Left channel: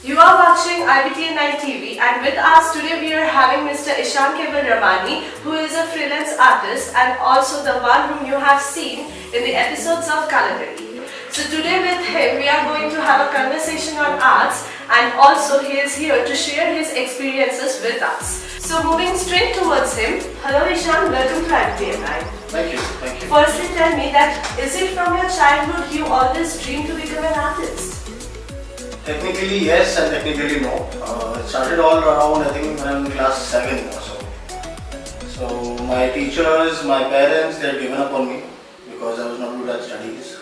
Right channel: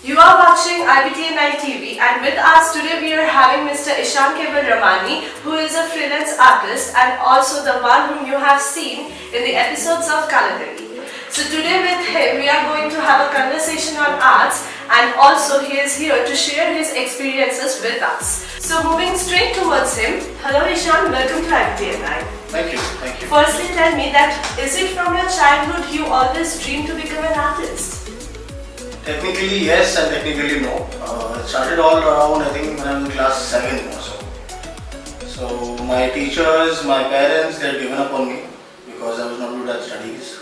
You are watching IBTN9 TV, and with us today we are having Mr. Ishan Keval Ramani, who is a freelance artist and also the one whom you have seen in the episodes of Kalakari. So today with him we are going to have a conversation on arts, and also he is here to share his experiences with us. So moving straight towards him, hello Ishan, welcome to IBTN9. Thank you, thank you. Firstly tell me that is it from your childhood you always dreamed to become an artist? Technically yes and technically no. It started all around I think when I was in class 7 or so. So my teachers, my parents, they had given up on me because I was not good at studies,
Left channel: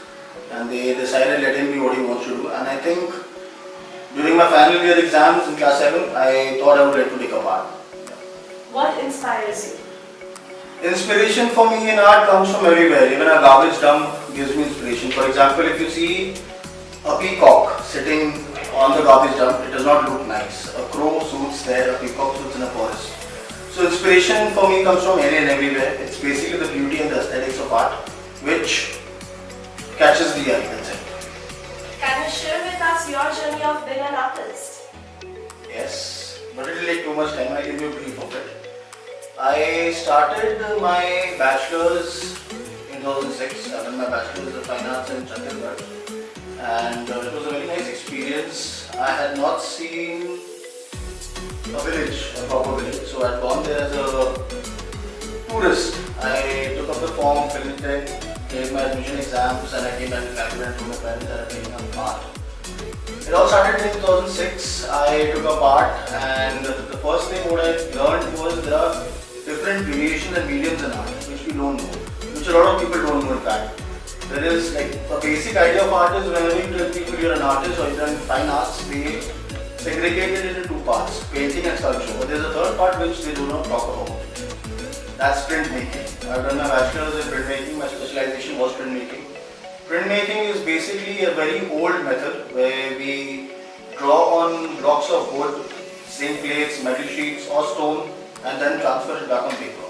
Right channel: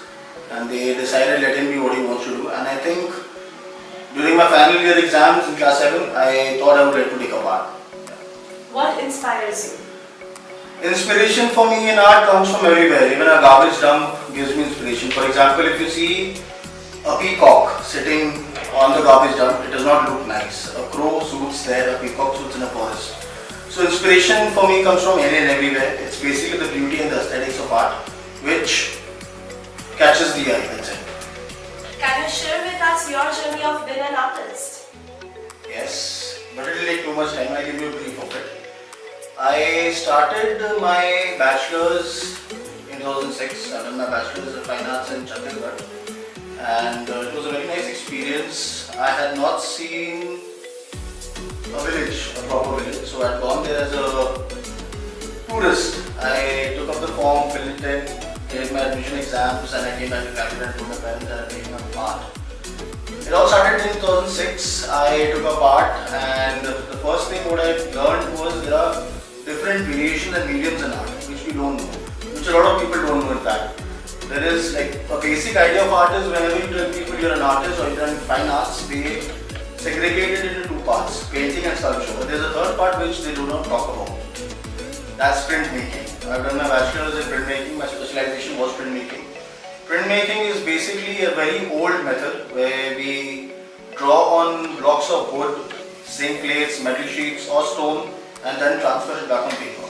and they decided letting me what he wants to do. And I think during my final year exams in class 7, I thought I would like to take a part. What inspires you? Inspiration for me in art comes from everywhere. Even a garbage dump gives me inspiration. For example, if you see a peacock sitting on the garbage dump, it does not look nice. A crow suits there, a peacock suits in a forest. So inspiration for me comes from any and everywhere. It's basically the beauty and the aesthetics of art which catches the eye, that's it. Can you share with us your journey of being an artist? Yes, but it will take too much time. I'll give you a brief of it. I started my bachelor's in 2006. I done my bachelor's in fine arts in Chhattisgarh, and it was a very nice experience. I had not seen a village, a proper village, so I had gone there as a tourist. I took up the form, filled it in, gave my admission exams, and I came back to Calcutta and told my parents that I'm taking up art. It all started in 2006. I took up art, and the first thing what I learned was there are different variations and mediums in art which we don't know, which a lot of people don't know in fact. There is like a basic idea of art is whenever you tell people you're an artist or you're in fine arts, they segregate it into two parts, painting and sculpture. But there's a third part which they do not talk about. That's printmaking. I've done my bachelor's in printmaking, my specialization was printmaking. Printmaking is basically a very old method where we draw on blocks of wood, zinc plates, metal sheets or stone, and then transfer it back on paper.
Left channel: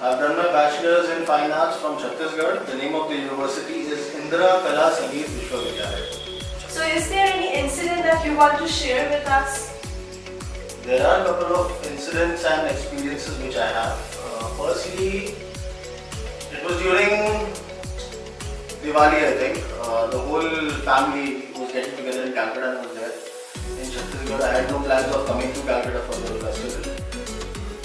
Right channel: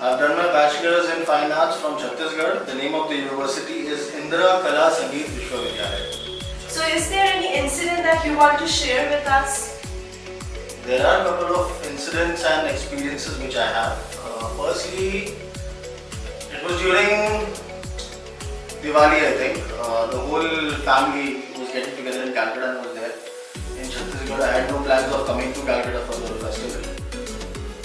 I've done my bachelor's in fine arts from Chhattisgarh. The name of the university is Indira Kala Sangeet Vishwavidyalaya. So is there any incident that you want to share with us? There are a couple of incidents and experiences which I have. Firstly, it was during Diwali, I think. The whole family was getting together in Calcutta and I was there. In Chhattisgarh, I had no plans of coming to Calcutta for the festival.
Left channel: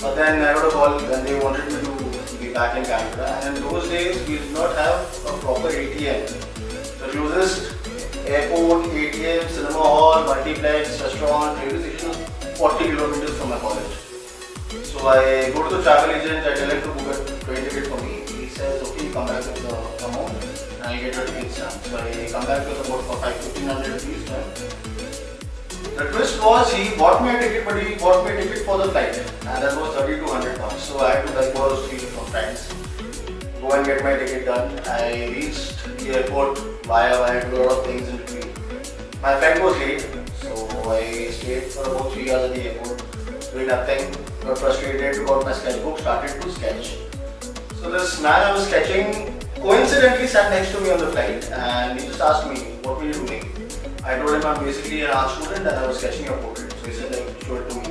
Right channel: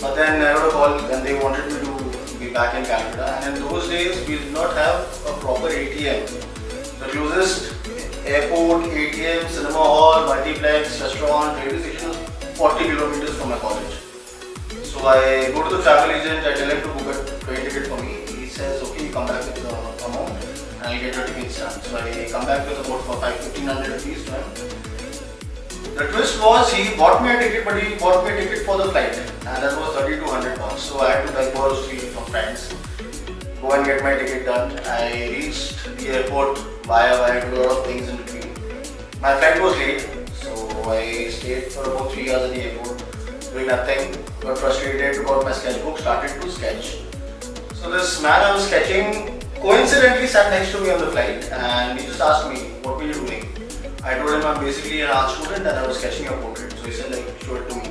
But then I got a call and they wanted me to be back in Calcutta, and in those days we did not have a proper ATM. The closest airport, ATM, cinema hall, multiplex, restaurant, railway station was 40 kilometers from my college. So I go to the travel agent, I tell him to book a train ticket for me. He says, okay, you come back with the amount and I'll get your ticket stamp. So I come back with about 1500 rupees to him. The twist was he bought me a ticket, but he bought me a ticket for the flight, and that was 3200 pounds. So I had to like borrow street from friends, go and get my ticket done. I reached the airport via I had to do a lot of things in between. My flight was late, so I stayed for about 3 hours at the airport, doing nothing, got frustrated, took out my sketchbook, started to sketch. So this man I was sketching coincidentally sat next to me on the flight, and he just asked me, what were you doing? I told him I'm basically an art student and I was sketching a portrait. So he said like, show it to me.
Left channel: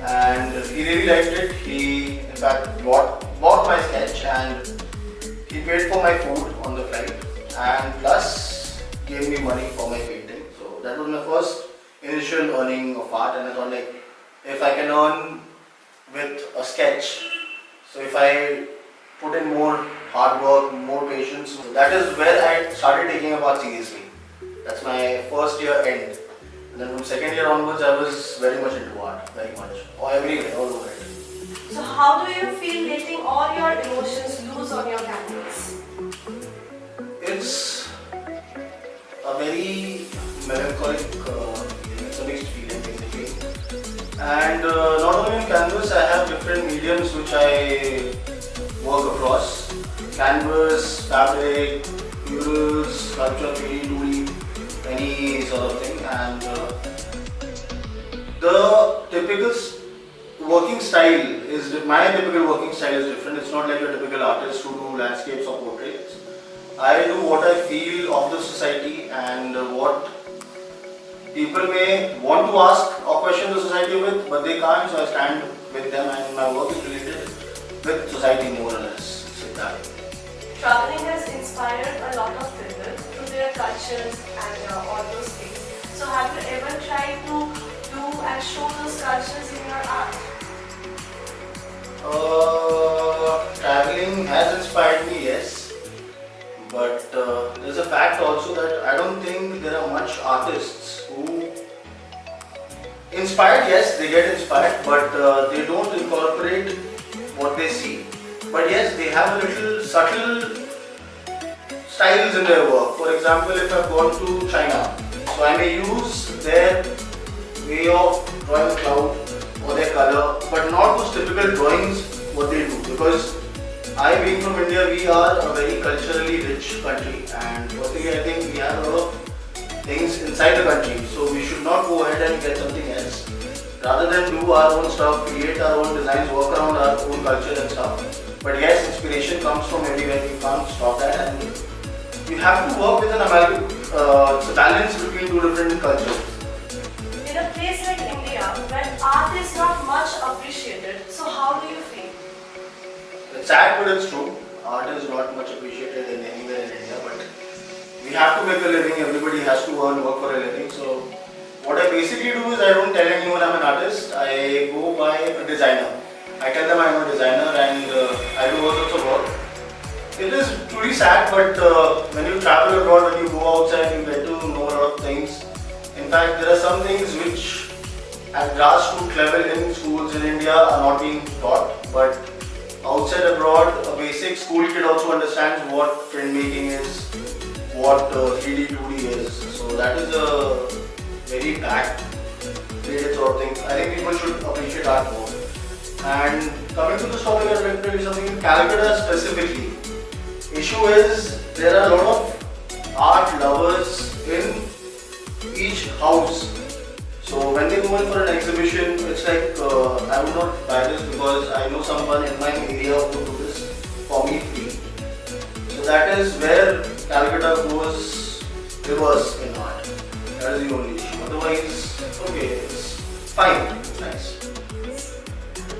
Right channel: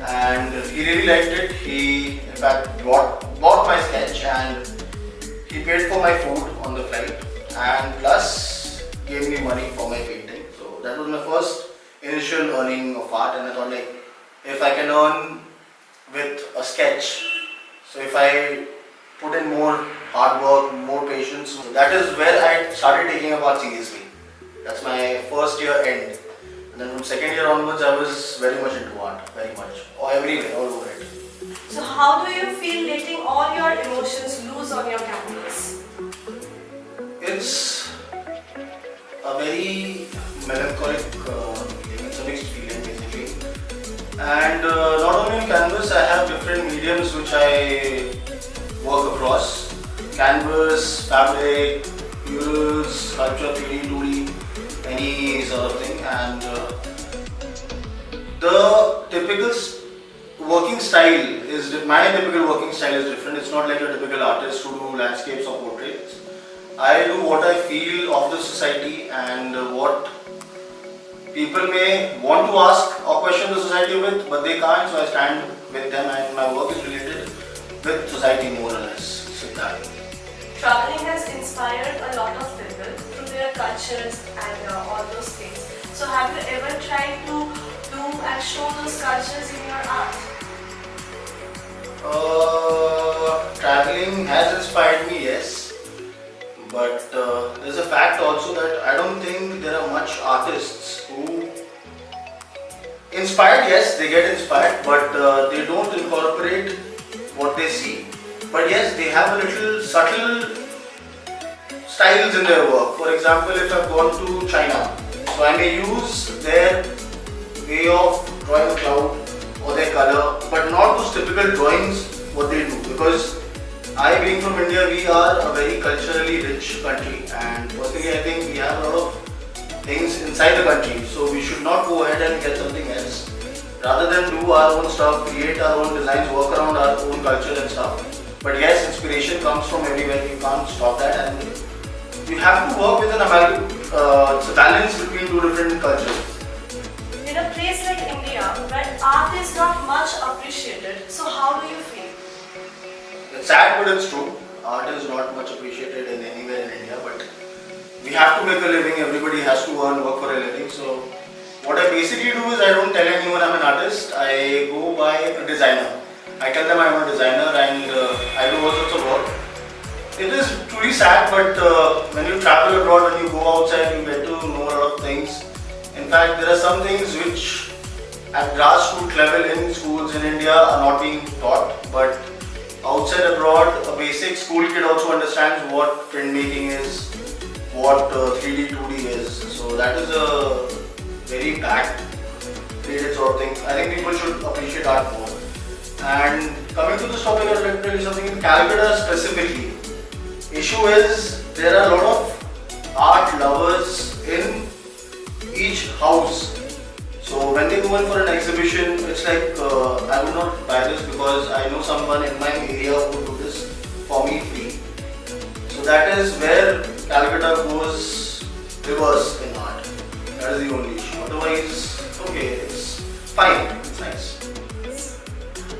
And he really liked it. He in fact bought my sketch and he paid for my food on the flight and plus gave me money for my painting. So that was my first initial earning of art, and I thought like, if I can earn with a sketch, so if I put in more hard work, more patience, so that is where I started taking up art seriously. That's my first year end. And then from second year onwards, I was very much into art, very much. Or everywhere, all over it. So how do you feel letting all your emotions loose on your canvas? It's a very melancholic feeling, it's a mixed feeling basically. And not only on canvas, I have different mediums which I work across. Canvas, fabric, murals, sculpture, 3D, 2D. Any sort of thing, and the typical working style is, my typical working style is different. It's not like a typical artist who do landscapes or portraits. I do what I feel of the society and what people may want to ask or question the society with, but they can't, so I stand with them, and my work is related with society more or less. So that. Traveling has inspired a lot of people through their cultures and all those things. So have you ever tried to do and show those cultures in your art? Traveling has inspired me, yes. But there's a fact also that I don't think there are much artists who inspired, yes, they get inspired, but they don't incorporate what they see. But yes, they have a little subtle styles in their work. For example, if I've gone to China, so I may use their way of drawing a cloud or their color, but not those typical drawings what they do, because I, being from India, we are a very culturally rich country, and firstly I think we have a lot of things inside the country, so we should not go ahead and get something else. Rather than do our own stuff, create our own designs, work around our own culture and stuff. But yes, inspiration comes from everywhere, you can't stop that, and you have to work with an amalgam, it's a balance between two different cultures. In a place like India, where art is not much appreciated, so how do you feel? It's sad, but it's true. Art is not much appreciated in anywhere in India, but we have to make a living. Everybody has to earn, work for a living. So what I basically do is I don't tell anyone I'm an artist. I go by a designer. I tell them I'm a designer, and I do all sorts of work. It is truly sad, but when you travel abroad, when you go outside, you get to know a lot of things. In fact, there are some things which at grassroots level in schools in India are not being taught, but outside abroad, a basic school kid also understands what printmaking is, what 3D, 2D is. So that is a very back-dated sort of thing. I think people should appreciate art more. And coming to this topic, I'd like to tell you something in Calcutta specifically. Issue is there are a lot of art lovers in each house. So when they go in for an exhibition, it's like I would not buy this because I know someone in my area who would do this for me free. So that is where Calcutta goes reverse in art. That is the only issue. Otherwise, okay, it's fine, it's nice.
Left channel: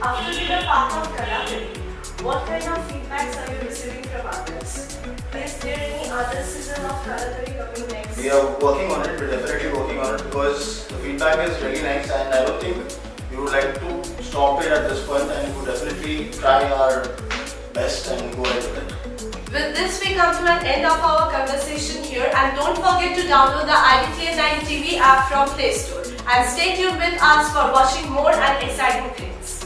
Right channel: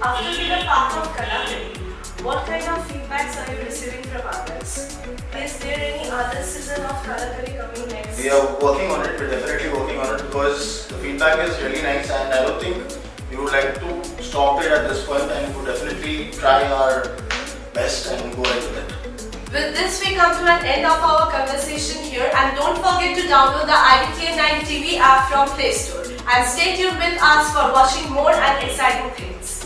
After being a part of Kalakari, what kind of feedbacks are you receiving from others? Is there any other season of Kalakari coming next? We are working on it, we're definitely working on it because the feedback is really nice, and I don't think we would like to stop it at this point, and we would definitely try our best and go ahead with it. With this, we come to an end of our conversation here, and don't forget to download the IBTN9 TV app from Play Store, and stay tuned with us for watching more and exciting things.